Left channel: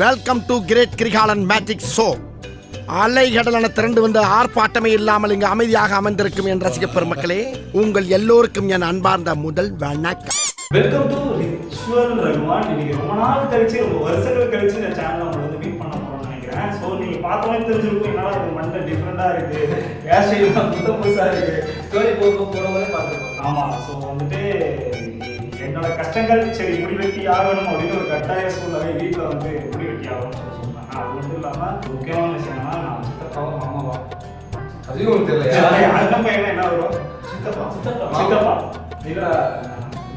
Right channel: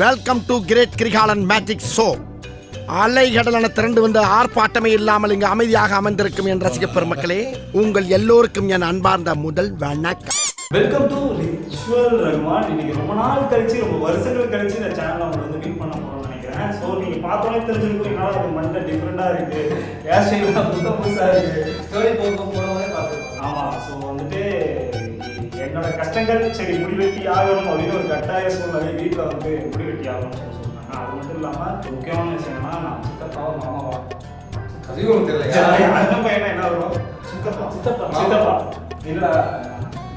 Welcome to great Kirikalan magic show. அலைகடலான திரண்டு வந்து ஆர்ப்பாட்டமே இல்லாமல் இங்கு அமைதியாக அமர்ந்திருக்கும் என் ரசிக பெருமக்களே, உங்கள் எல்லோருக்கும் என் அன்பார்ந்த முதல் வணக்கம். Welcome to ritual Rahman. இன்னைக்கு ரொம்ப நாள் கழிச்சு, ரொம்ப வருஷங்கள் கழிச்சு இந்த சேனல் நம்ம வந்து மீட் பண்ண போறோம்னு நினைக்கிறேன். ஸோ நீங்க பார்த்தோன்னே தெரிஞ்சிருக்கும் என்னால ஒரு மண்டை டிஃப்ரெண்டா இருக்கு, ஹேர் ஸ்டைல்லாம் புதுசா இருக்கு, ஸ்டோரி போடும்போதே பார்த்துருக்கோம். ஆமா, ஸோ வந்துட்டு என்னோட கஷ்டங்கள் சரி முடிவெட்டி ஆகணும் அப்படின்னு ஒரு கட்டாய சூழ்நிலை வீட்டில் வந்து முடிவெட்டி ஆகணும்னு சொன்னாங்க. அது மட்டும் இல்லாமல் முக்கியமான விஷயம்னா நான் சித்தப்பாவா மாமாவா அதுவும் தெரியல, அண்ணன் பையனா என்ன வரும் சித்தப்பா இல்லை.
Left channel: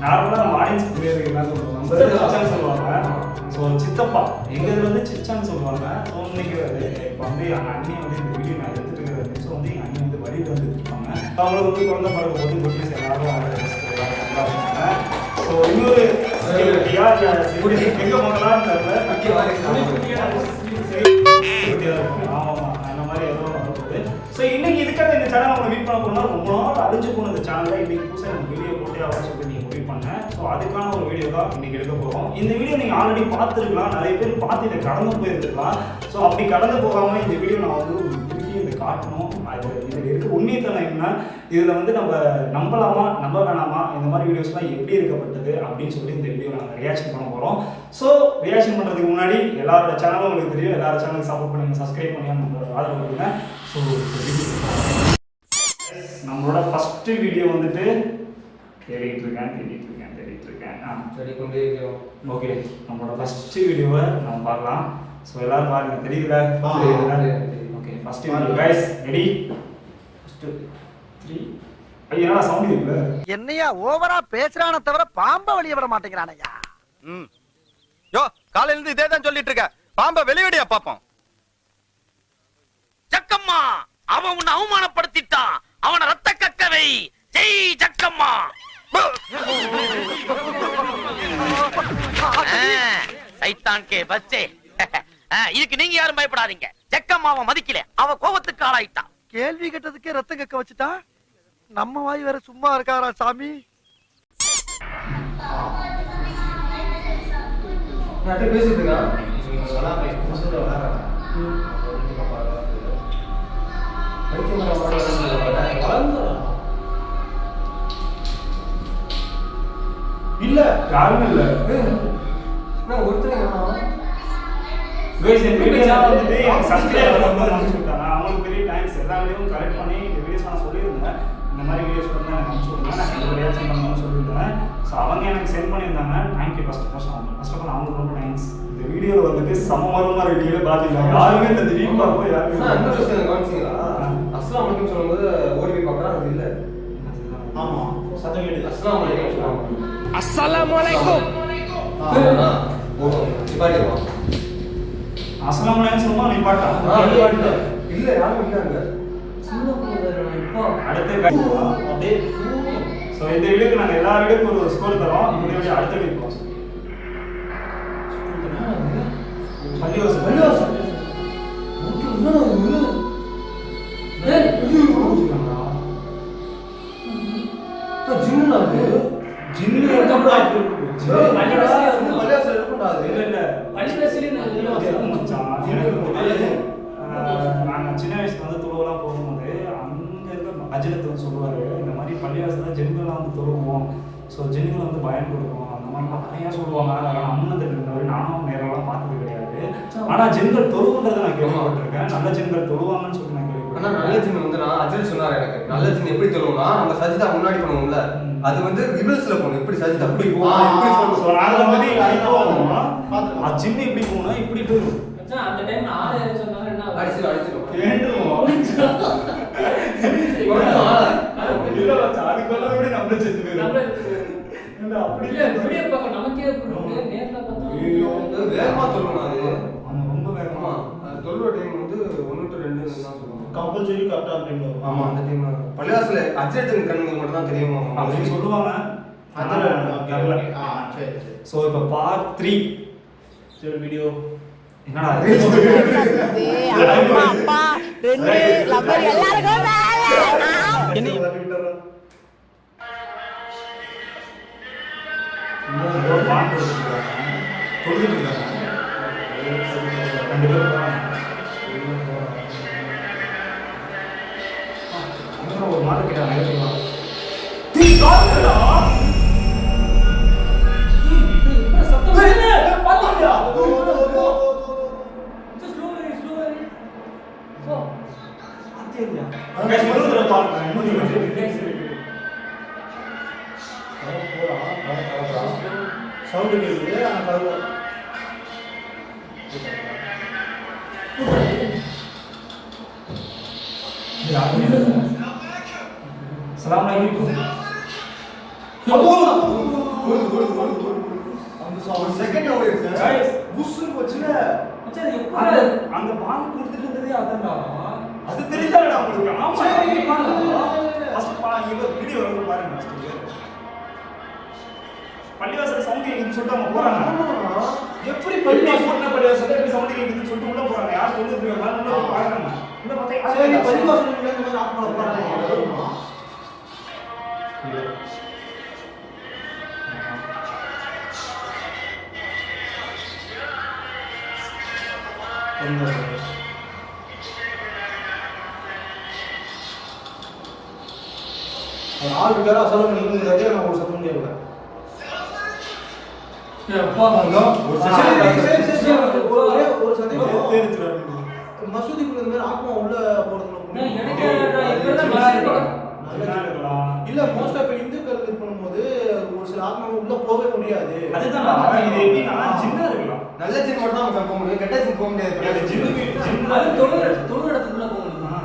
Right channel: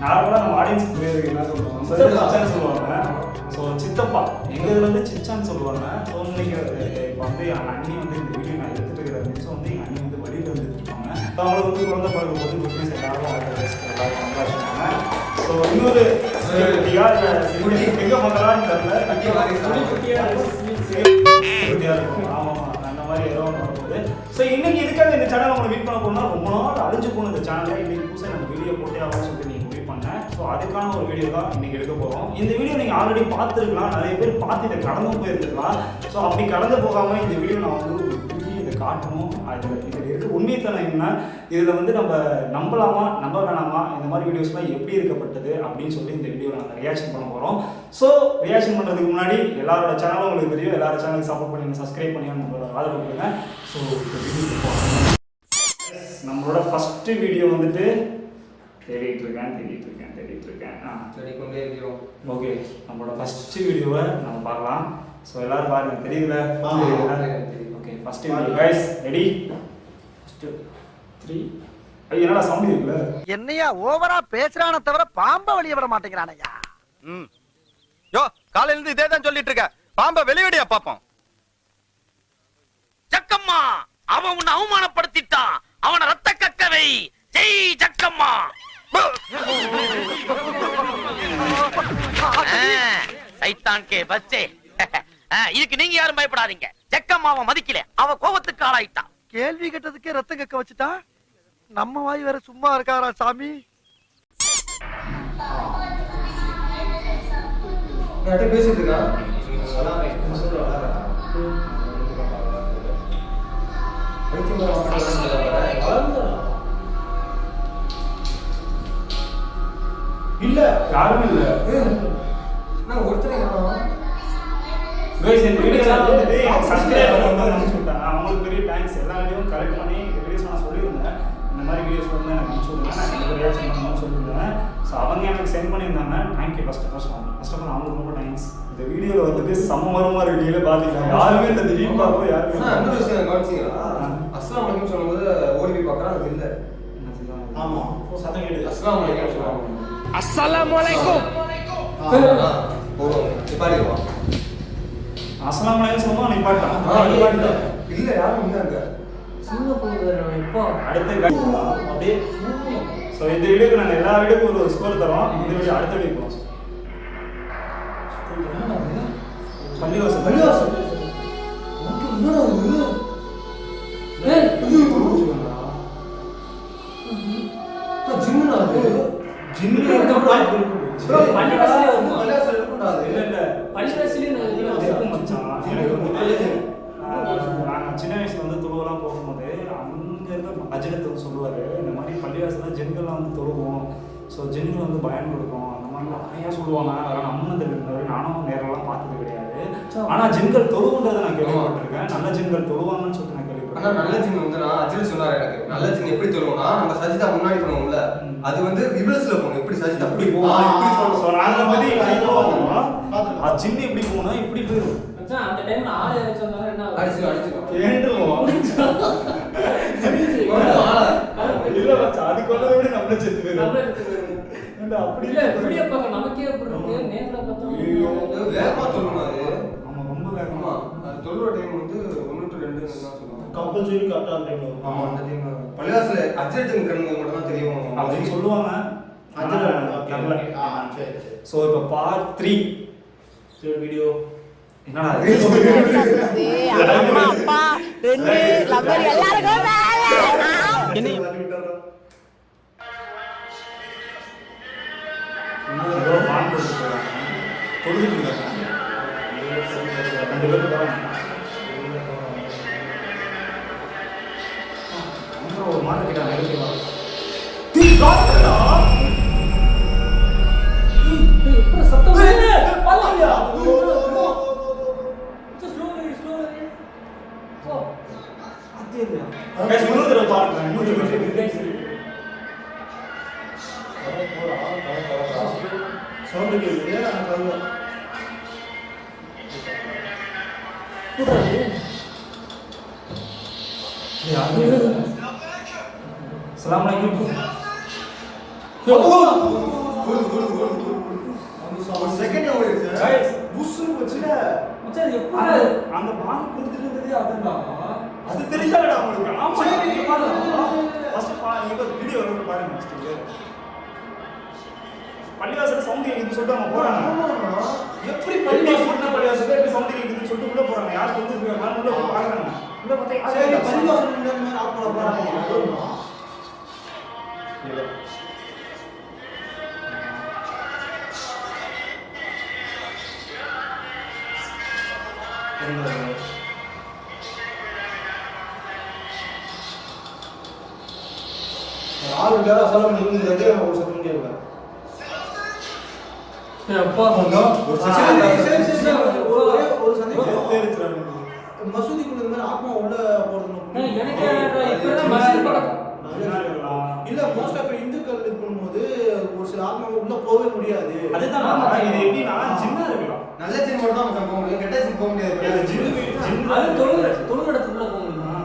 நார்மலாக நம்ம ஆடியன்ஸ் பேர் என்ன சொல்லுவாங்க, நம்ம சிச்சான்னு சொல்லுவாங்க. ஸோ சித்தப்பா எங்கள் இதில் வந்து சிச்சான்னு சொல்லுவாங்க. ஸோ இன்னைக்கு இப்போ வந்து எங்கள் அண்ணி வந்து இந்த வீடியோ நான் எடுத்துட்டு இருக்கிற நிமிஷம் வந்து எங்கள் அண்ணி வந்து வழியில் வந்து எடுத்துருப்பாங்க. அவங்களுக்கு வந்து குழந்தை பிறகு போது குட்னஸ் எல்லாரும் ஸோ இன்னொரு எங்கே பண்ணலான்னு தெரியல. ஆமாம், அந்த மாதிரி ஏதோ நடக்குது. ஸோ இன்னைக்கு இதுக்காக இந்த சேனல் அவங்க மீட் பண்ண போனால் ரொம்ப நாள் அழிஞ்சு போன இந்த சேனலில் இன்னைக்கு புதுசாக நம்ம வீடியோ போட்டே ஆகும் சொல்லிட்டு நீங்கள் முடிவு பண்ணேன். ஸோ அதுக்கான ஒரு வீடியோ தான் இன்னைக்கு எடுக்க போகிறோம். இந்த வீடியோ நீங்கள் ஆல்ரெடி பார்த்துருக்கலாம், நிறைய பேர் பார்த்து இதை கடந்து போயிருந்துருக்கலாம். ஸோ அப்படி கடந்து போகாமல் இந்த வீடியோ நான் வந்து இதை காட்டணும். இதில் இருக்க உண்மைத்தனம் என்ன, இதில் வந்து நம்ம நம்பலாமா நம்ப வேணாமா, இந்த மாதிரி வீடியோஸ்லாம் எப்படி இருக்கப்பட்டது அப்படின்னு சொல்லி இந்த வீடியோ நாங்கள் ரியாக்ஷன் பண்ண போகிறோம். ஸோ ரியாக்ஷன் பண்ணுறதுக்கு முன்னாடி எல்லாரோட சேனலும் உங்களுக்கு தெரியும், எல்லாரோட சேனலுக்கு சப்போர்ட் பண்ணி சப்ஸ்கிரைப் பண்ணி நம்மளோட ஆதரவு கொடுங்க. ஸோ நம்மளோட ஃபஸ்ட்டு வீடியோ வந்துட்டு தேடிட்டு இருக்கேன். ஓகே, நம்மளோட ஃபஸ்ட்டு வீடியோவை நம்ம பார்க்கலாம். ஸோ எல்லாரும் பாருங்க, தெரியுதுல? Okay, first video guys, ready? First 3. ஐயா என்னடா சவுண்ட் இருக்குல? என்னையா ஓவரா பேசுறானே தவிர பாம்ப வெளிய வர மாட்டேங்கறானயா. யோ, காலையில இருந்து இதே தான் சொல்லிட்டு இருக்க. பாம்ப வெளியடியா பாப்போம். ஜக்கம்மா, அவன் உன்னை அவமானப்படுத்திட்டான். அவனை ரத்த கக்கவை. ஜெய் ஜக்கம்மா. சைத்தான் கே பச்சே. இதுக்கு நீங்க யாரும் பயப்படாதீங்க. ஜக்கம்மாவை மதிக்கல, அவ கோபத்துக்கு ஆளாயிட்டான். கேள்வி கேட்டதுக்கே ரத்தம் கக்க வச்சுட்டா. நம்ம வாய் வேற சும்மா இருக்காரா சாமி? நான் பேசிட்டு இருக்கேன். இல்ல யாருமே இல்ல. நான் ஒருத்தரே காணோம். गाइस, இந்த வீடியோல வந்து எனக்கு சப்ஸ்கிரைப் பண்ணனும்னு நினைச்சு விட்டாங்க. அவங்களுக்கு பெரிய தேங்க்ஸ். எல்லா வீடியோவும் கலெக்ட் பண்ணி வீடியோஸ் நான் சொல்லிருந்தேன். இந்த மாதிரி வீடியோஸ் வந்து எனக்கு அனுப்பிச்சு விடுங்க, நான் கண்டிப்பா ரியாக்ஷன் பண்ணணும்னு சொல்லிருந்தேன். ஸோ அவங்க எனக்கு சென்ட் பண்ணியிருந்தாங்க. தேங்க்யூ ஃபர்ஸ்ட் ஆஃப் ஆல் அவங்களுக்கு ரொம்ப தேங்க்ஸ். இந்த வீடியோவில் வந்துட்டு சம்மரமாக வீடியோல பார்த்தீங்கன்னா யாருமே இந்த திடீர்னு பார்ப்போம் யாருமே. அந்த விஷயம் கவனிச்சிங்களா? அஸ்ஸலாமு அலைக்கும் சொல்லும்போது ஓடி போய் பார்க்குறேன், அது இல்லை. ஆமாம், சத்தம் கேட்டு அஸ்ஸலாமு அலைக்கும் சொல்லுவாங்க. அஸ்ஸலாமு அலைக்கும் போடுவோம், நிப்பாடிடுவோம். அஸ்ஸலாமு அலைக்கும் சொல்லுமா நீ பாட்டா? நிப்பாடிட்டோம். இல்லை, யாரும் இல்லை அங்கே. சின்ன பொண்ணு இப்போ அடுத்த அப்படியே. ஸோ இந்த வீடியோக்கு நாங்கள் எல்லா வீடியோக்கும் ஒரு ஸ்கோர் தரோம். இந்த வீடியோ அடுத்த வீடியோ போகிறோம். பள்ளிவாசம் ஓகே. என்னடா இது? ஜின்னுடா அது. ஜின்னு இருக்கக்கூடாது. பள்ளிவாசல் இருக்கக்கூடாது. இல்லை நாங்கள் சின்ன வயசுல வந்து துருவெல்லாம் போகும்போது அங்கே இருக்க அஜிரத்துன்னு சொல்லுவார், இந்த மாதிரி பள்ளிவாசலில் ஜென்கள்லாம் வந்து தொழுவோம். ஸோ ஜென்கள் வந்து பயம் கொடுக்கும், அந்த மாதிரிலாம் நிறையா சொல்லுவாங்க. அதெல்லாம் அம்மனத்தில் இருந்தவரை நானும் நேரெல்லாம் பார்த்தது கிடையாது. ஆனால் ஜென்கள் தொழுவுன்றதை நான் கேள்விப்பட்டிருக்கேன். நல்ல ஜென்கள் தொழுவாங்கன்னு சொல்லிட்டு நான் கேள்விப்பட்டேன். ஆனால் நல்ல ஜின் வந்து நான் அஜில் சொன்னார் எனக்கு. நல்ல ஜின் எப்படி தொழுவோம்னா, நம்ம சஜிதா முன்னாடி பண்ணுவோம்ல, அது வந்து ரிவர்ஸ்ல போகணும். எப்படி சஜிதா அப்படி போவோம், இப்படி ஸோ நாங்கள் வந்து இப்படி போவோம், ஜின்னு இப்படி போகணும், இப்படி போயிடும். அந்த டைம் அடிச்சிடும் அதுக்குள்ள விட நம்ம செத்து போயிடும். அப்படி வேகமா சொல்லணும். அது ஆமாம், ரொம்ப வேகமா. தொழுவ டைம் வந்து 1 to 2 தான் சொல்லுவாங்க. கம்பல்சரி கரெக்டாக அந்த டைம் வரும். ஆமாம், அந்த டைம் பள்ளிவாசல அஜயத்தின் கண்ணுங்க மட்டும் தான் தெரியுமா அப்படின்னு சொல்லுவாங்க. தெரியல. ஸோ இப்போ பார்ட் 3 வீடியோ என்னடா அம்மா அப்பா ரெண்டு லவர் எல்லாருக்கும் பான் கொடுத்துருக்காங்க. 2 பேரும் போறாங்க. அப்புறம் ஒரு மாதிரி கிட்ட நெகட்டிவா சவுண்ட் கேக்குது ஆனா கருவா அஸ்ஸலாமு அலைக்கும். செகண்ட் ஓடிடுச்சு Guys, புஸ்ஸுன்னு வச்சுல அந்த பால் கொடுத்துட்டு இருந்ததே அதான்டா. அது தெரியாதடா உங்களுக்கு. ஆமா நீங்க பாருங்க. ஃபர்ஸ்ட் இவ வீடியோ வந்து பாருங்க. பள்ளிவாசல் சவுண்ட் கேக்குதுன்னு சொல்லிட்டு அவங்க போறாங்க. எப்படி பள்ளிவாசல் எப்படி சவுண்ட் கேக்குதுன்னு சொல்லிட்டு உள்ள போறாங்க. யார் சொல்லுது மாதிரி உள்ள பாக்குறாங்க. உள்ள பார்த்தா சரி பள்ளிவாசல் உள்ள வந்து ஆஃப் பண்ண போறாங்க. ஆள் இருக்காரா சொல்ல முடியாது நான் ஒரு சத்தம் முடியல ஒரு சந்தேகம் மசூதிக்குள்ள இருந்து ஆத்மா உள்ள போறது இல்ல மோஸ்ட் ஆஃப் இந்துக்கள் இருக்கும்போது ஒரு சில ஆத்மா உள்ள போகவே முடியாது. அதுதான் இது எப்படின்னா ஜின்னா இருக்கலாம். நல்ல ஜின் மட்டும் தான் நம்ம போக முடியும். கெட்ட ஜின் போக முடியாது. ஜின் அது தொழுகிறதுக்குள்ள போகணுமா?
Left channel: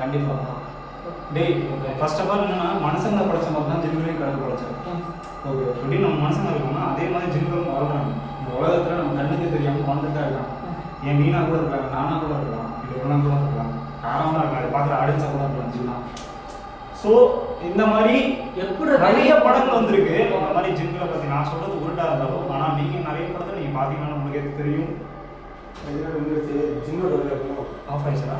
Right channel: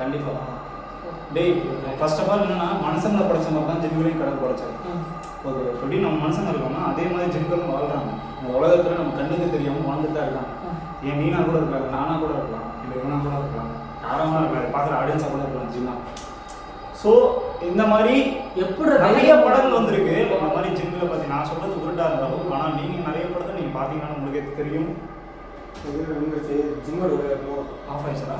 கண்டிப்பா. டேய் ஃபர்ஸ்ட் ஆஃப் ஆல் என்னன்னா மனுஷங்க படைச்ச மாதிரி தான் ஜின்களையும் கடவுள் படைச்சாரு. ஓகே எப்படி நம்ம மனுஷங்க இருக்கோம்னா அதே மாதிரி ஜின்களும் வாழ்றாங்க. இந்த உலகத்துல நம்ம கண்ணுக்கு தெரியாம வாழ்ந்துட்டு தான் இருக்கான். ஏன் மீனா கூட இருக்கலாம், நானா கூட இருக்கலாம், இல்லை இவனா கூட இருக்கலாம், காரமாக இருக்கலாம், பார்க்குற ஆடியன்ஸாக கூட இருக்கலாம் ஜின்னா. ஸோ இந்த மாதிரி எப்படி நிறைய படங்கள் வந்திருக்கு. இந்த மாதிரி ஜின்களை பற்றி நான் சொல்றது உருட்டா இருந்தாலும் ஆனால் நீங்கள் நிறைய படத்தை நீங்கள் பார்த்தீங்கன்னா உங்களுக்கு தெரியும். ஆஃப் ஆயிடுச்சா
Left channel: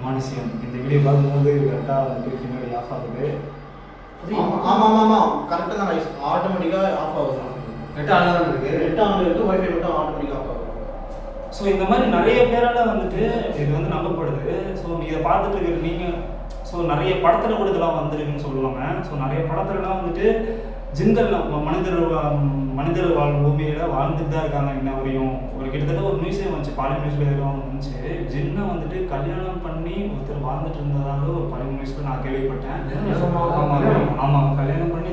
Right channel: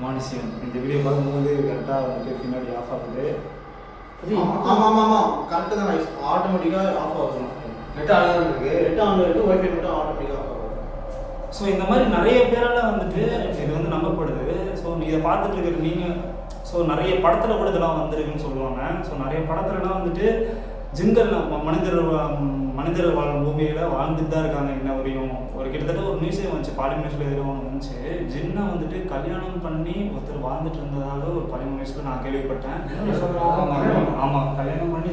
மானிசியம் இந்த வீடியோ பார்க்கும்போது கரெக்டாக வந்துட்டு பின்னாடி ஆஃப் ஆகுது. ஆமாம் கரெக்டாக தான் ஆட்டோமேட்டிக்காக ஆஃப் ஆகும். நெட் ஆன் இருக்கு, நெட் ஆன் இருக்கு, வைஃபை மட்டும் ஆட்டோமேட்டிக்காக ஆஃப் ஆகும். ஸோ இந்த மாதிரி நிறைய பேரால் வந்துட்டு இது வந்து நம்பப்படுது. ஸோ இதை பார்த்துட்டு நீங்கள் ஸோ நிறைய படத்தில் கூட இதெல்லாம் வந்திருக்குன்னு சொல்லுவாங்க. ஸோ நிறைய படத்துலலாம் வந்துட்டு ஜின்கள் மனிதர் வாழும் பூமியில் வாழ்ந்துட்டு தான் இருக்காங்க இன்ன வரையும். ஒரு கிட்டத்தட்ட ஒரு நியூஸே வந்துச்சு, பாலிமர் நியூஸில் எதிராக ஒன்று வந்துச்சு. ஜின்னை வந்துட்டு கல்யாணம் பண்ணி ஒருத்தர் வாழ்ந்துட்டு இருந்ததாக ஒரு பாலிமர் நியூஸில் நான் கேள்விப்பட்டேன். ஆமாம் கல்யாணம் பண்ணி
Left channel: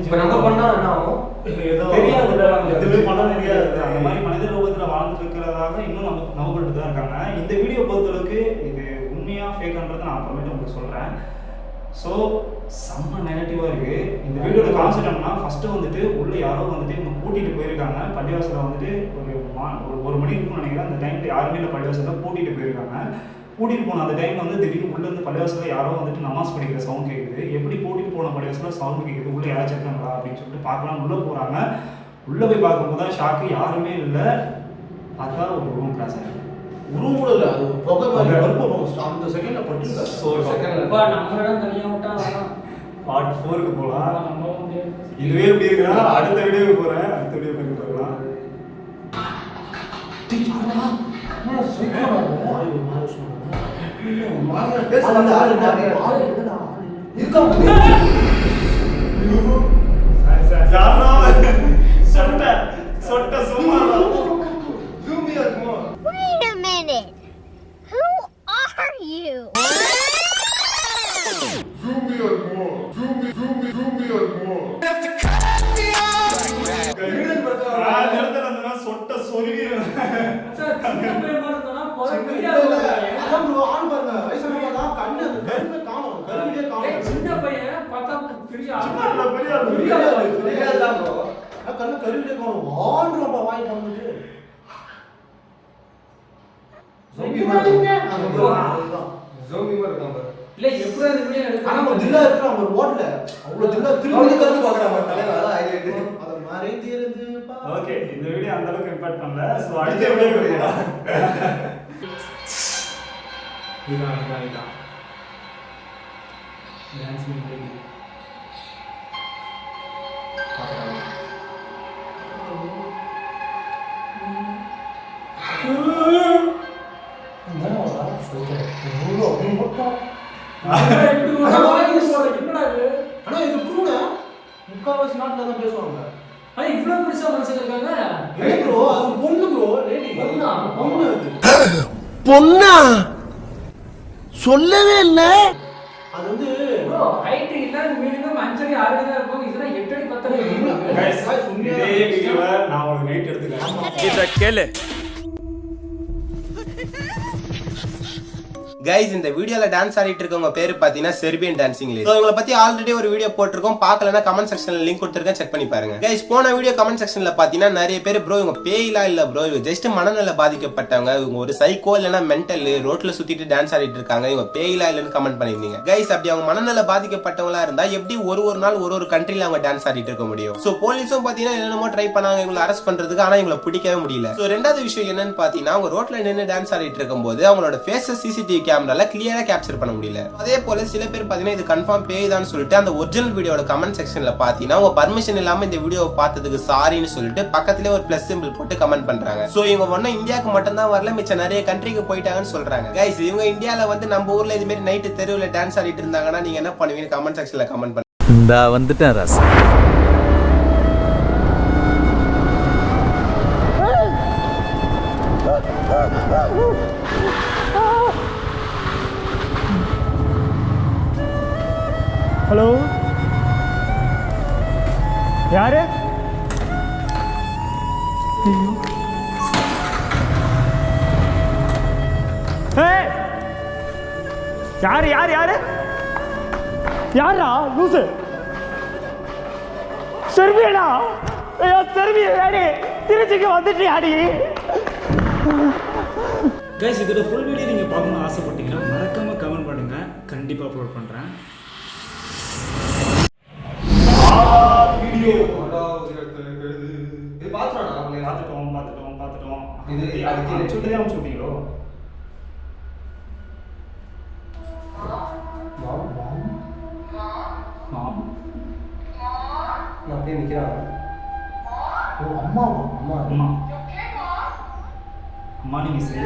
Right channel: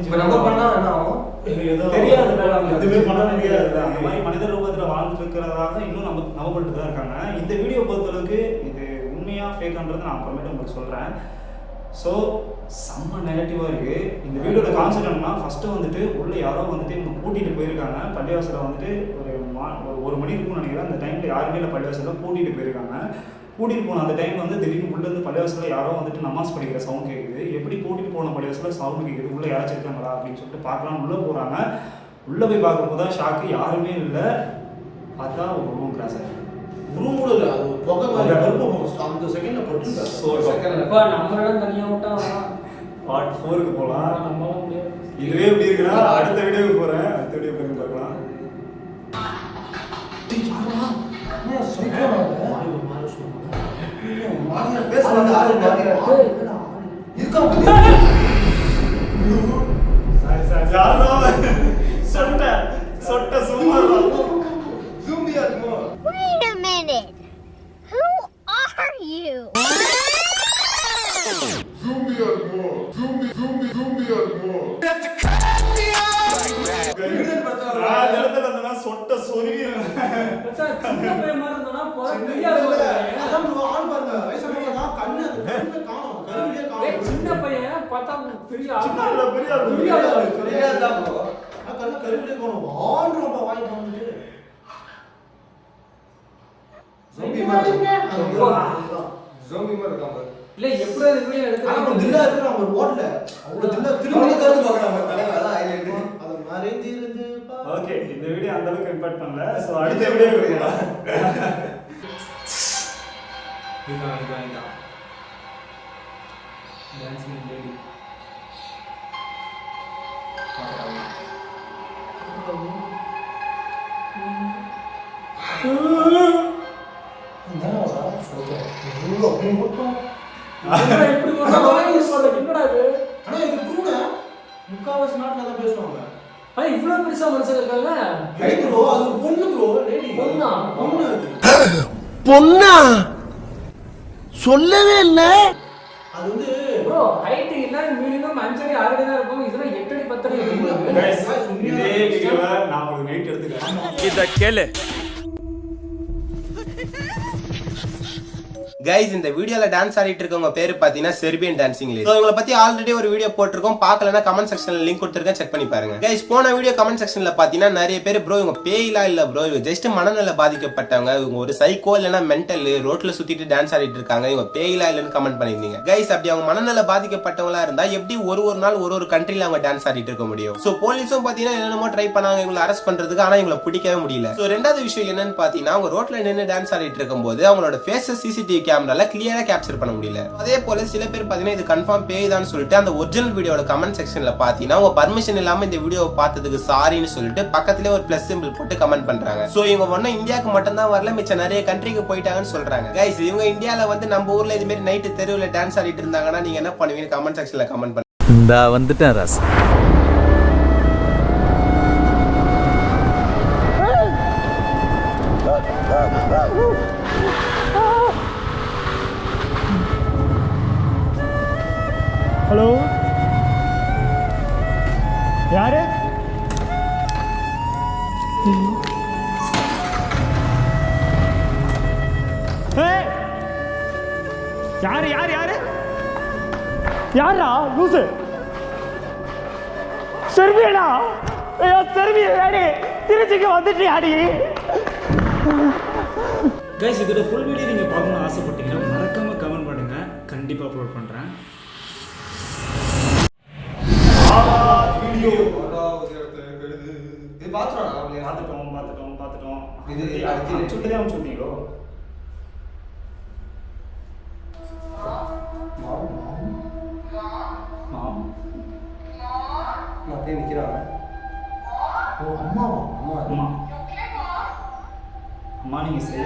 தெரியாதுல்ல, நம்ம எதுவுமே பண்ண தெரியாது. அந்த மாதிரி மனித ரூபத்தில் வாழ்ந்துட்டு இருக்கிறதாக இன்னும் நம்பப்பட்டு தான் இருக்காங்க. இந்த வீடியோ பொறுத்தளவுக்கு இது உண்மையாக ஃபேக்கான்றது நான் அப்புறமேட்டு உங்களுக்கு சொல்கிறேன். ஸோ செம்ம நெகட்டிவாக இருக்குது. இந்த வீடியோட கான்செப்ட் என்னன்னா ஃபஸ்ட்டு வந்துட்டு உள்ளே யாரோ வந்துட்டு இவங்க கூட்டிகிட்டு போயிருக்காங்க. பள்ளிவாசலில் வந்துட்டு ஒரு மணி இருக்கும்னு நினைக்கிறேன். அந்த டைமில் யாருமே இல்லை, பள்ளிவாசலில் கூட்டிகிட்டு போயிருக்காங்க. கூட்டிகிட்டு போன அந்த டைம் வந்து திடீர்னு உள்ளேருந்து பள்ளிவாசலில் யாரோ வந்துட்டு நமாஸ் படிக்கிற சவுண்ட் கேட்குது. எப்படி கூட்டிகிட்டு போன பள்ளிவாசலில் சவுண்ட் கேட்குது, உள்ளே யாராச்சும் இருக்காங்களா அப்படின்னு சொல்லிட்டு பார்க்கலாம். உள்ளே போகிறாங்க. உள்ளே போய் பார்க்கும்போது தான் ஷாக்கு, யாருமே இல்லை. பார்த்தா ஒரு ரூம் கிராஸ் ஆகிடும். ரூம் கூட இல்லை, அது அந்த செகண்டில் பட்டு. ஸோ பார்ட் 4க்கு போகலாம். இதுவே எப்படி இருக்கிறா அடுத்த வீடியோவுக்கு போகிறேன். அடுத்த வீடியோ பண்ணி பார்க்கலாம். Wait a minute. Who are you? Zoom me out more. Zoom me out more. You have to cut me off. சொட்ட சொருவி இல்ல எப்படி அந்த வீடியோ எடுக்க ஆனா தில்லா இருக்கு அவங்க ரோட்ல அவ்வளவு தில்லா திரும்பி காத்து பார்க்கறாங்க தலையில அதான் ஹைலைட் அது மறைந்து இருந்து ஓகே இந்த வீடியோ அந்த அளவுக்கு இம்பாக்ட் பண்ணல சோ அடுத்த வீடியோ போலாம் இதான் டான்ஸ் பண்ணி பாக்கலாம் முக்காவாசி நாட்டுல தான் பேசுவாங்க. ஆனா இவ்வளவு பெருசா மனுஷங்க இருக்காங்க. ரைட் ப்ரோ, அது ஒரு பொண்ணு ப்ரோ, லேடி. பொண்ணா? பொண்ணு. பொண்ணா சொல்லவே இல்லை. அது வந்து ப்ரோ ஹைட் எல்லாரும் மினிமம் 5 அடி 6 அடி தான் இருப்பாங்க. இதெல்லாம் 8 அடி 10 அடி இருக்கும். Guys, இதே வீடியோல நான் ஒரு நைட் எடுத்துக்கிறேன். இத கேளு. கைஸ், இந்த வீடியோல டான்ஸ் ஆடிட்டு இருக்கவங்க பேரு பாத்தீங்கன்னா செர்பியன் டான்சிங் லேடி. இவங்கள பத்தி ஆல்ரெடி ஒரு வீடியோ போட்டிருக்கோம், பார்க்கலனா கமெண்ட் செக்ஷன்ல லிங்க் கொடுத்திருக்கேன், செக் பண்ணி பாருங்க. கைஸ், போன வீடியோ கமெண்ட் செக்ஷன்ல பாத்தீங்கன்னா நிறைய பேர் ப்ரோ இவங்க பேய்லாம் இல்ல ப்ரோ, இவங்க ஜஸ்ட் மனநல பாதிக்கப்பட்டவங்க, இவங்க ஒரு சைக்கோ இல்லனா மென்டல், ரோட்ல சுத்திட்டு டான்ஸ் ஆடிட்டு இருக்காங்க, இவங்க பேய்லாம் இல்லன்னு கமெண்ட் பண்ணிருந்தீங்க. கைஸ், அப்படி அவங்க மனநல பாதிக்கப்பட்டவங்களா இருந்தா எப்படி ஒரு நாள் ஒரு கண்ட்ரில அவங்க டான்ஸ் ஆடிட்டு இருக்க முடியும்? சோ போலீஸும் பாத்தீங்கன்னா என்னென்னமோ ட்ரை பண்ணாங்க இவங்களை அரெஸ்ட் பண்றதுக்கு, ஆனா இவங்களை பிடிக்கவே முடியல. சோ ரெண்டாவது விஷயம் என்னன்னு பாத்தீங்கன்னா அவங்க ரோட்ல நின்று டான்ஸ் ஆடிட்டு இருக்கும்போது அவங்களோட ஃபேஸஸ் சிசிடிவி கேமரால கிளியரா கேப்சர் பண்ண முடியல. அதே போல சில பேர் பாத்தீங்கன்னா இது கன்ஃபார்ம் பேய் தான் சொல்லிட்டு அந்த ஒரிஜினல் வீடியோட கமெண்ட் செக்ஷன்ல பாத்தீங்கன்னா உங்க பர்மிஷன் இல்லாம இந்த வீடியோவை பார்த்ததுக்கு சாரின்னு சொல்லிட்டு பக்கத்திலே ஒரு பிளஸ் சிம்பிள் போட்டு கமெண்ட் பண்றாங்க. சோ இவங்க ஒன்னும் இந்தியாவுக்கு மட்டும் தான் வரல, மிச்ச நிறைய கண்ட்ரிக்கு போயிட்டாங்கன்னு சொல்றாங்க. கைஸ், இவங்க இந்தியால வந்து நம்ம ஊர்ல இது மாதிரி நைட்டு தெருவுல டான்ஸ் ஆடிட்டு இருந்தாங்கன்னா நீங்க என்ன பண்ணுவீங்க? கமெண்ட் செக்ஷன்ல கமெண்ட் பண்ணுங்க. இந்தா வந்துட்டேன் ராசா. ஹலோ, யாரு? யாரு யாரு யாரு யாரா லூசு? செர்பியனா? ஐயோ செர்பியா, திருச்சிக்கு வந்துட்டியாடி? கைஸ், இதோட ஃபுல் வீடியோ நீங்கள் பார்க்கணும்னு ஆசைப்பட்டீங்கன்னா மறக்காமல் கமெண்ட் பண்ணுங்கள், கண்டிப்பாக அப்லோட் பண்ணுறேன். வீடியோ இது பாத்துறோம். பார்த்துட்டோம். இது சொல்லிதான் சொன்னீங்களோ? அப்படியே நிக்கிறாங்க. அம்மா நீங்க சரி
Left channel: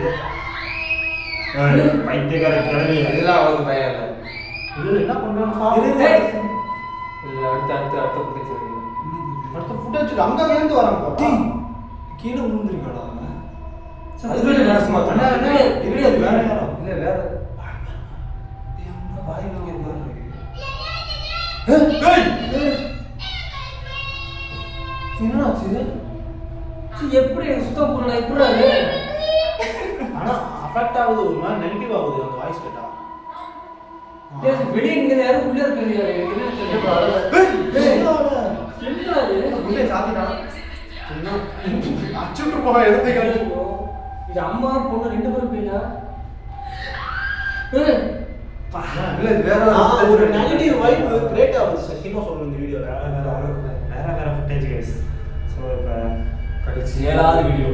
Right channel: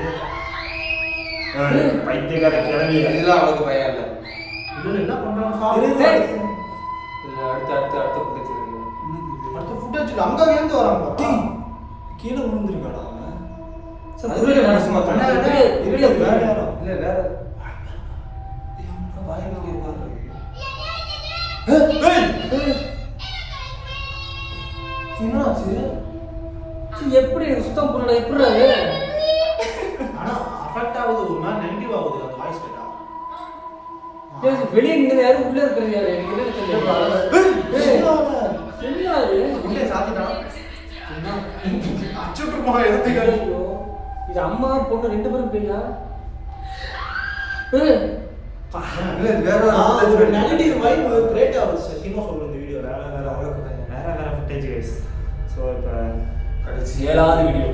பைத்தியக்கார கிளவி. இதெல்லாம் அவளுக்கு பயம் இல்லை. இதுல என்ன பண்றாங்க? இல்ல, அடுத்த ஃபுட்டேஜ் அங்க இருந்து வராங்க. கீழே விழுந்துருக்காடா அவன். அதுல நான் சும்மா இல்ல வேற யாரோ. இல்ல வேற என்னாச்சு? எப்படி சுத்தம் பண்ணல? எப்படி ஆனா அஃபெக்ட் ஆகுது, ஒரு மாதிரி நெகட்டிவ் ஆகுது அந்த வாய்ஸ் கேட்டா. வெளியே நீங்க யாரும் உள்ள இருக்கீங்க? உள்ளே சாத்திட்டான். அச்சுட்டு போக எடுத்துக்காரு. இது அம்மா பொண்ணு 2 பேரும் போயிடா. இல்ல வேற ஒரு நெகட்டிவ் வைப் கிரியேட் ஆகுது. சத்தியமா சொல்றேன், இந்த வீடியோல வேற ஃபுட்டேஜ் गाइस. சோ இப்ப கடைசி 7வது வீடியோ.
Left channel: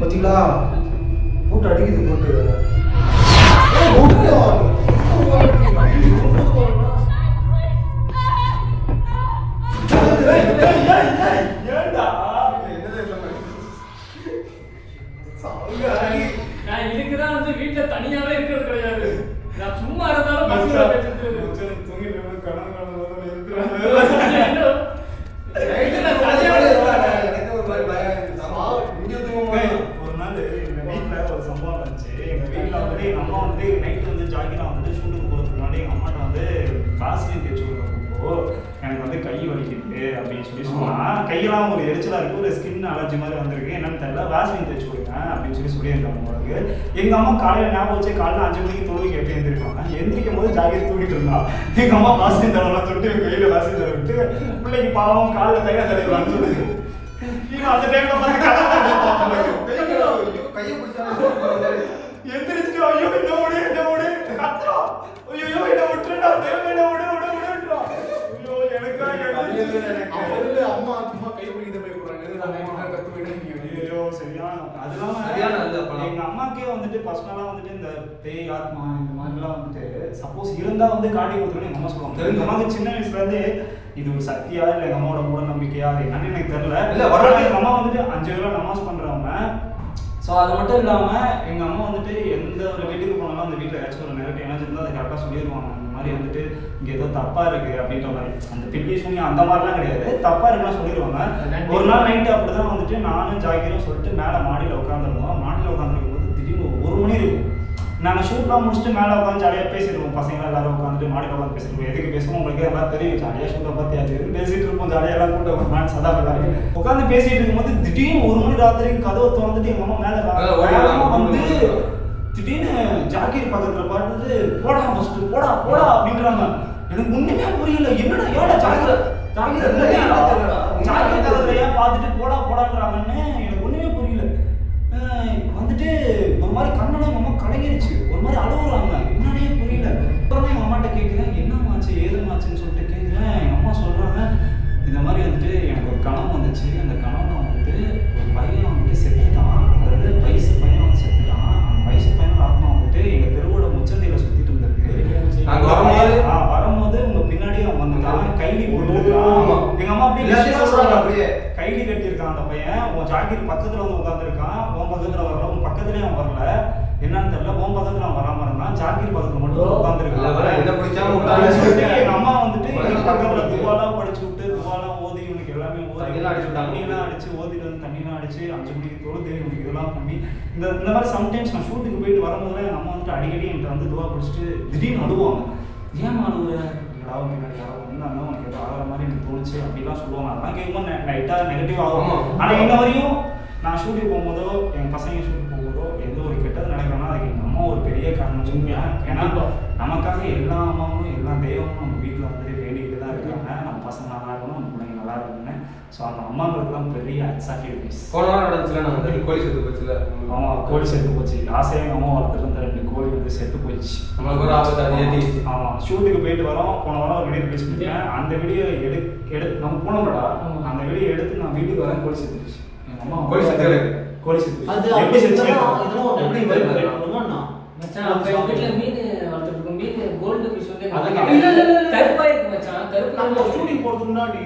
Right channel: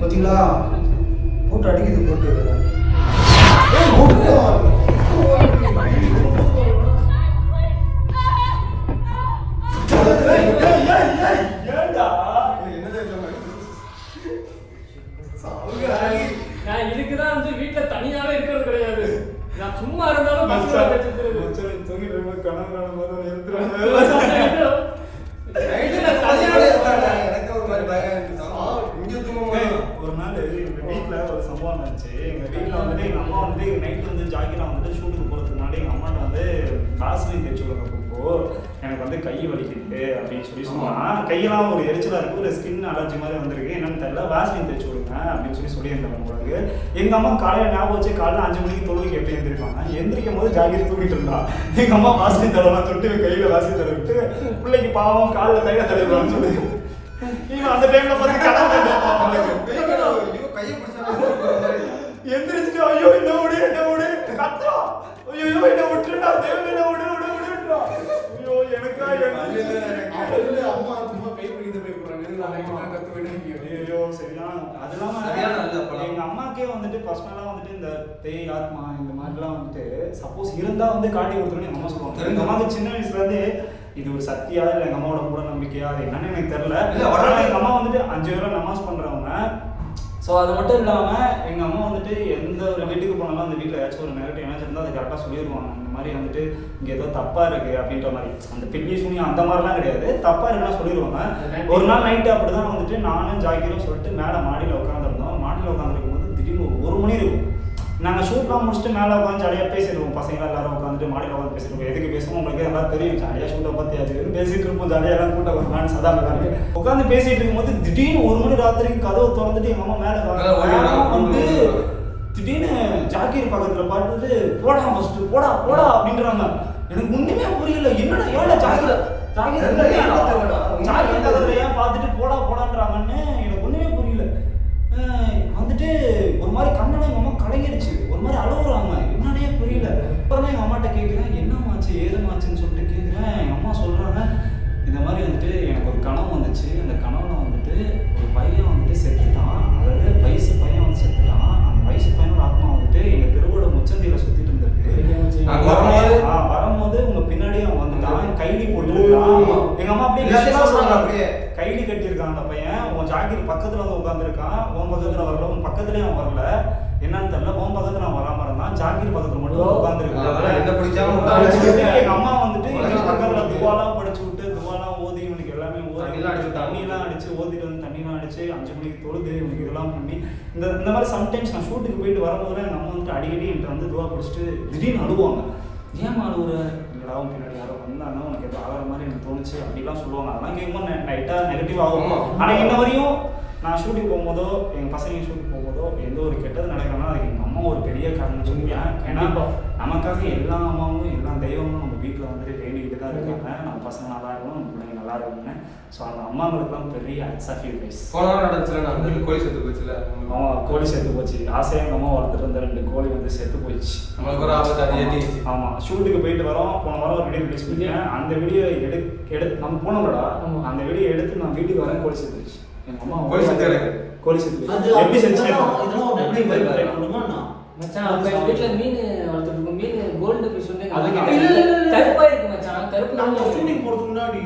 பாத்தீங்களா? போட்டு அடிக்குது போட்டு. நான் இதுக்குதான் வந்து வீட்டுல தனியாவே இருக்கிறது கிடையாது. நான் சும்மா இருந்தாலும் பசங்க ஒரு நாள் எங்க வீட்டுல ஒரு சம்பவம் இருந்துச்சு. எங்க வீட்டுல வந்துட்டு எங்க அம்மா வந்துட்டு நைட் வந்து ஜாகிலாம் வந்துட்டு ஷூட்டுக்கு போறதுக்கு முன்னாடி எங்க அம்மாட்ட வந்து வாசலின் தேய்ச்சி விடுறப்போ எனக்கு வந்து கை வலிக்குது அப்படின்னு சொன்னா, கையெல்லாம் ஒரு எரிச்சலா இருக்கு, ஒரு ஸ்கின் அலர்ஜி மாதிரி வந்திருக்கு, என்னன்னு தெரியல, வாசலின் தேய்ச்சி விடுங்க அப்படின்னு சொல்லியிருந்தாங்க உங்களுக்கு. எங்க அம்மா காலையில ஞாபகம் வச்சு காலைல 5 மணிக்கு தொழுகைக்கு எப்படி எழுந்திருப்பாங்க, எந்திரிக்கும் போது ஜாகி தூக்கிட்டு இருந்தா. எங்க அம்மா வாசலின் தடவை தொட்டு கையில வாசலின் தடவை விட்டு பிள்ளைக்கு பாவம் காலையில கையில தடவைன்னு சொல்லுது. இவன் அந்த டைம்ல பார்த்து கையை பிடிச்சா எந்திரிச்சு ஐயோ என்ன ஓடு கத்துறோம். ஐயோ என்ன விட்டுட்டா, தேவை என்ன விடு. ஐயோ எனக்கா அம்மா சும்மா கை பிடிக்கிட்டு போய் ஐயோ சரியான. அது இல்லாம எங்க அம்மாக்கே வந்துட்டு பர்சனலா வந்துட்டு இந்த பேய் ஆத்மா இந்த மாதிரிலாம் வந்துட்டு சப்போஸ் இருந்தா வந்து காட்டி கொடுத்துருன்னு எங்க அம்மா சொல்லுவாங்க. எங்க அம்மாவுக்கு சின்ன வயசுல இருந்து இது ஒரு சக்தியா இல்லை எங்கள் அம்மாவோட மூட நம்பிக்கையா அது என்னன்னு எனக்கு தெரியல. இல்ல, ஆனால் எங்கள் அம்மா வந்துட்டு 5 வேளை நமாஸ் பண்ணுறவங்க. ஸோ அது மட்டும் இல்லாமல் எங்கள் அம்மா வந்துட்டு எந்த ஒரு வீட்டுக்கு போனாலும் அந்த வீட்டில் ஏதாச்சும் ஒரு நெகட்டிவ் எனர்ஜி இருந்தால் அதை கரெக்டாக சொல்லிடுவாங்க. இந்த மாதிரி வந்துட்டு இங்கே ஏதோ தப்பாக இருக்குது அப்படின்ற மாதிரி. அந்த பில்லி சூனியம் அந்த மாதிரிலாம் கிடையாது, தப்பாக இருக்குலாம் சொல்லிடுவாங்க. ஒரு நாள் நைட்டு அப்படி தான் வந்துட்டு நானும் ஜாக்கிரும் சொல்லிட்டு மேலே மாடியில் உட்காந்துருந்தோம். மாடியில் உட்காந்துருக்கும் போது திடீர்னு 1 மணி இருக்கும். நாங்கள் ஷூட்லாம் முடிச்சுட்டு மேலே உட்காந்து ஜாலியாக பேசிடுவோம். பசங்க எல்லாரும் உட்காந்துட்டு மாடியில் உட்காந்து பேசிடுவோம். எதுக்கு பேசுவோம் உங்களுக்கு எல்லாம் தெரியும். ஜாலியாக ஷூட்டை பற்றி அது பேசிட்டு இருப்போம். ஜாலியாக எல்லாம் கூட்டம் நான் சதா எல்லாரும் உட்காந்து பேசிட்டு இருக்கும்போது திடீர்னு 1 மணி ராத்திரி கதவை திறந்துட்டு எங்கள் அம்மா மேலே வந்து திடீர்னு ஜாக்கீர் பக்கத்தில் பார்த்துட்டு போடா ஃபஸ்ட்டு போடா போடா அப்படின்றாங்க. எனக்கு ஒன்றுமே புரியல. என்னடா ஏடா ஜாக்கீர் பக்கத்தில் ஏன் பார்த்துட்டு போடா போடான்றாங்கன்னு எனக்கு ஒன்றுமே புரியல. வந்துட்டு ஒரு மாதிரி கண்ணெல்லாம் எங்கள் அம்மா கலங்கிடுச்சு. ஒரு மாதிரி அழுகுறாங்க. என்னன்னே புரியல. அப்புறமா எங்கள் அம்மாட்ட கேட்குறேன் என்னமாச்சு ஏதுமாச்சுன்னு சொல்லிட்டு கேட்குறேன். எங்கள் அம்மா சொல்கிறாங்க இந்த மாதிரி வந்துட்டு எனக்கு ஒரு கனவு வந்துச்சு. அந்த கனவுல வந்துட்டு ஒரு பையன் வந்துட்டு செத்துட்டான். அதாவது வயசு பையன் வந்து செத்துட்டான். அந்த வயசு பையனோட ஆத்மா வந்துட்டு எங்கள் தெருவோட முச்சந்தையில் சுற்றிட்டு இருந்திருக்கு. வரும்போது உங்க பின்னாடி அவன் வந்துட்டான். கைலி போட்டுருக்கான். எங்க அம்மா அப்படியே கைலி கட்டியிருக்கான். அந்த பையன் உன் ஜாக்கீர் பக்கத்துல வந்து உட்காந்துருக்கான். உன் பக்கத்துல வரல, உன் பக்கத்துலயே அவன் வரல. என்னன்னு தெரியல. உன் பக்கத்துல அவன் வராம இருந்தான். ஜாக்கீர் பக்கத்துல மட்டும் உட்காந்துருக்கான். எங்க அம்மா வந்துட்டு எங்க பக்கத்துல துவாலாம் படிச்சு விட்டு துவாலாம் ஓதி இவனுக்கு எல்லாமே ஓதி தண்ணியெல்லாம் அடிச்சு ஓதிட்டு வந்து தண்ணியெல்லாம் அடிச்சு 5 மணிக்கு தொழுது இவனுக்கு இதெல்லாம் பண்ணி இந்த மாதிரி சம்டைம்ஸ் நான் ஷூட்டுக்கு போயிட்டு வரும்போது எங்கள் அம்மா வந்துட்டு அடிக்கடி என்கிட்ட வந்து துவா படிச்சுட்டு திடீர்னு அழுவாங்க. ஏன் அழுவுற யாராவது பின்னாடி யாரோ வந்தாங்க உனக்கு ஏதோ ஆகிற மாதிரி எனக்கு தோணுச்சு அப்படிலாம் சொல்லுவாங்க. அதெல்லாம் கேட்கும்போது நைட்டாக நெகட்டிவ் ஆகும். ஆனால் இன்ன வரையும் நான் ஷூட்டிங் போகும்போதோ எங்கள் பசங்க ஷூட்டிங் போகும்போதோ எந்த ஒரு கெட்டது நடக்கணும்னா அதுக்கு எங்கள் அம்மா ஒரு பெரிய காரணம் சொல்லுவேன். ஏன்னா நமக்காக எல்லா அம்மாவும் எல்லா தெய்வமும் நம்ம வீட்டில் வந்துட்டு வேண்டிக்கிட்டு தான் இருக்காங்க. நம்ம பசங்க நல்லா இருக்கணும், நம்ம பிள்ளைங்க நல்லா இருக்கணும்னு. ஸோ அந்த அம்மாங்களுக்குலாம் பெரிய சாக்ரிஃபைஸ். போன வாரம் நடந்துச்சுல நான் வந்து கோழி செத்து போச்சுல. ஆமாம், கோழி செத்து போச்சு. ஆசையாக எங்கள் அம்மா வளர்த்துட்டு இருந்த 2 கோழி வந்து செத்து போயிடுச்சு. நம்மளுக்கு ஒரு ஆபத்து அது ஏற்றிடுச்சு. ஆமாம், ஷூட்டுக்கு போயிட்டு வரோம். போன வாரம் ஒரு வீடியோ ரிலீஸ் பண்ணிட்டேன். அந்த வீடியோ எடுத்து நம்ம போனோம்டா. அந்த வீடியோ எடுத்து நான் வீட்டுக்கு வரேன். கோழி செத்து போச்சு. எங்கள் அம்மா கோழி செத்து எனக்கு கோழி செத்து எப்படி செத்து மச்சான் அவங்க வீட்ல மீன் வளர்த்துட்டு மீன் கோல்டு ஃபிஷ் வந்து கருப்பா இருக்கு மச்சான். கருப்பு நம்ம ஷூட்டிங் போறதுக்கு முன்னாடி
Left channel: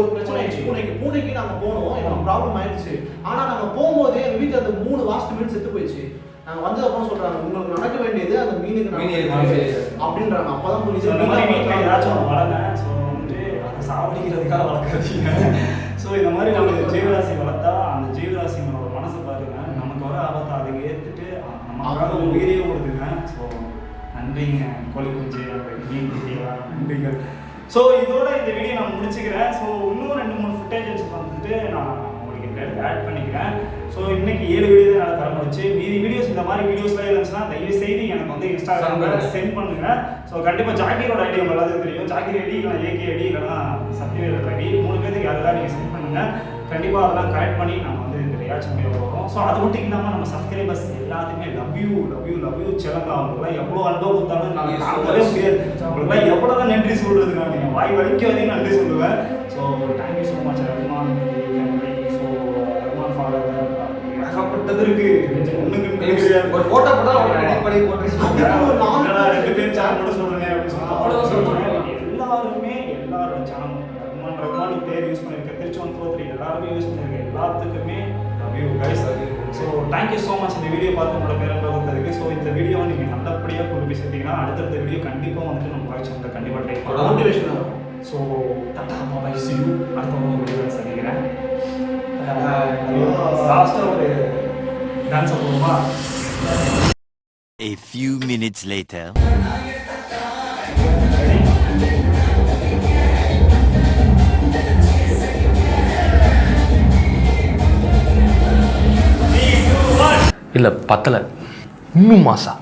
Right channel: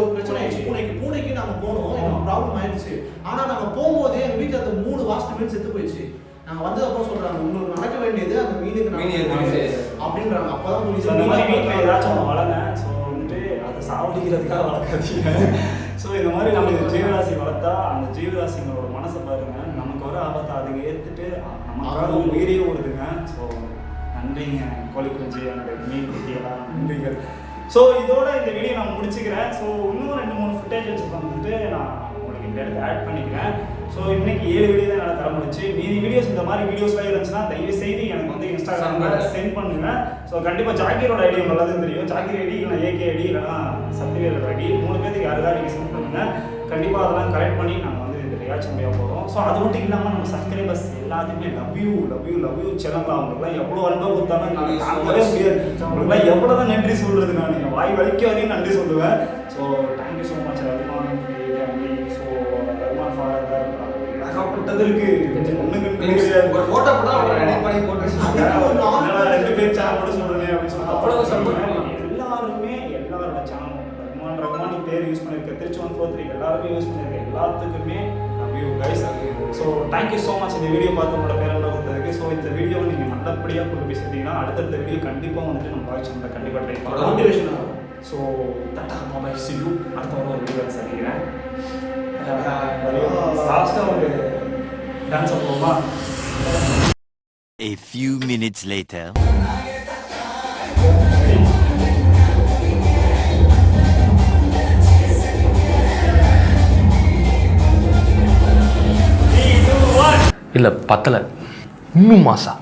ஒரு பிரச்சனை ஆயிடுச்சு. பூனைக்கு நாங்க போனோம். எனக்கு ப்ராப்ளம் ஆயிடுச்சு. ஆனா நாங்க போகும்போதே எங்க வீட்டுல அந்த 3 வாஸ்ட் மீன் செத்து போயிடுச்சு. நாங்க வந்தது அப்புறம் சொல்றாங்க உங்களுக்கு நடக்க வேண்டியது அந்த மீனுக்கு அப்படின்றாங்க. அப்பதான் புரியுது இந்த மாதிரி வீட்டில் ஏதாச்சும் ஒன்று வளங்க. ஸோ வந்துட்டு அதை சாப்பிடுறதுக்காக வளர்க்காதீங்க. ஸோ இந்த மாதிரி நம்ம ஜீவராசி வளர்த்தா அந்த ஜீவராசிங்களோட மனசை பாருங்க. நமக்கு வர ஆபத்தை அதுங்க ஏற்றுட்டு நமக்காக உயிரே ஓடுதுங்க. ஸோ நன்றிங்க கோழி குஞ்சு மீன் குட்டியெல்லாம் நன்றிகள். ஸோ இதோட இந்த வீடியோ நான் முடிச்சுக்கிறேன். ஸோ இன்னும் 2-3 ஃபுட்டேஜஸ் வந்துட்டு நான் உங்களுக்கு இந்த இடத்துல ஆட் பண்ணிக்கிறேன். ஸோ இன்னைக்கு 7 வீடியோ தான் என்னால் தர முடிச்சு. மீதி வீடியோஸ் இந்த மாதிரி வீடியோஸ்லாம் இருந்துச்சுன்னா தயவு செய்து எனக்கு வந்து இன்ஸ்டாகிராமில் சென்ட் பண்ணுங்க. ஸோ கண்டிப்பாக ஜாக்கீரோட ஐடி உங்க எல்லாத்துக்கும் தெரியும். ஜாக்கீர் ஐடி இல்லைனா ஏகே ஐடி இல்லைனா சக்திவேலோட ஐடி 3 பேருக்கு யாருக்காக நீங்கள் சென்ட் பண்ணுங்கள். கண்டிப்பாக அதெல்லாம் கரெக்ட் பண்ணி நாங்கள் வந்து இந்த ரியாக்ஷன் முடிய போகிறோம். ஸோ அது மட்டும் இல்லாமல் நம்ம சப்ஸ்கிரைபர்ஸ் எல்லாத்துக்குமே லவ் யூ செல்லலாம். அவங்களுக்குலாம் எவ்வளோ அன்பை கொடுத்தாலும் நாங்கள் தாங்கவே முடியாது. அவங்களுக்குலாம் எவ்வளோ தான் நன்றி சொல்கிறது. நான் என் வாய் வரைக்கும் அதையும் நன்றி சொல்லுவேன். So thank you so much Rahman family. So Rahman father ஏகப்பட்டது இருக்குது. கொஞ்சம் ஒன்றுங்க ஒரு ஃபோட்டோ போட்டால் அவங்க எடிட் பண்ணி போட்டு 2 பேர் சேனல் மட்டும் சொல்கிறேன் அப்படின்னு சொல்லி அவ்வளோ சொல்கிறேன். எல்லாருமே எல்லாரோட சேனல் ரகுமான் பேர் யூஸ் பண்ணியிருக்கேன். திருச்சி 143 எல்லாருமே யூஸ் பண்ணியிருக்கேன். எல்லாத்துக்குமே love you guys. So thank you so much இந்த வீடியோ பார்த்து உங்களோட பேரன்பை கொடுத்ததுக்கு. ஸோ இந்த வீடியோவை நீங்கள் நல்லபடியாக கொண்டு போய் சேர்த்தீங்கன்னா அடுத்தடுத்த வீடியோ கண்டிப்பாக வந்துட்டு நம்ம வாட்ச் கண்டிப்பாக ட்ரை பண்ணலாம். மோட்டிவேஷனாக. So Tata bye C you. அடுத்த ஒரு வீடியோ சந்திக்கிறேன். லாஸ்ட்டாக ஒரு டான்ஸ் போகுமா? A few minutes later. இல்லை பத்தலை, இன்னும் மாசம்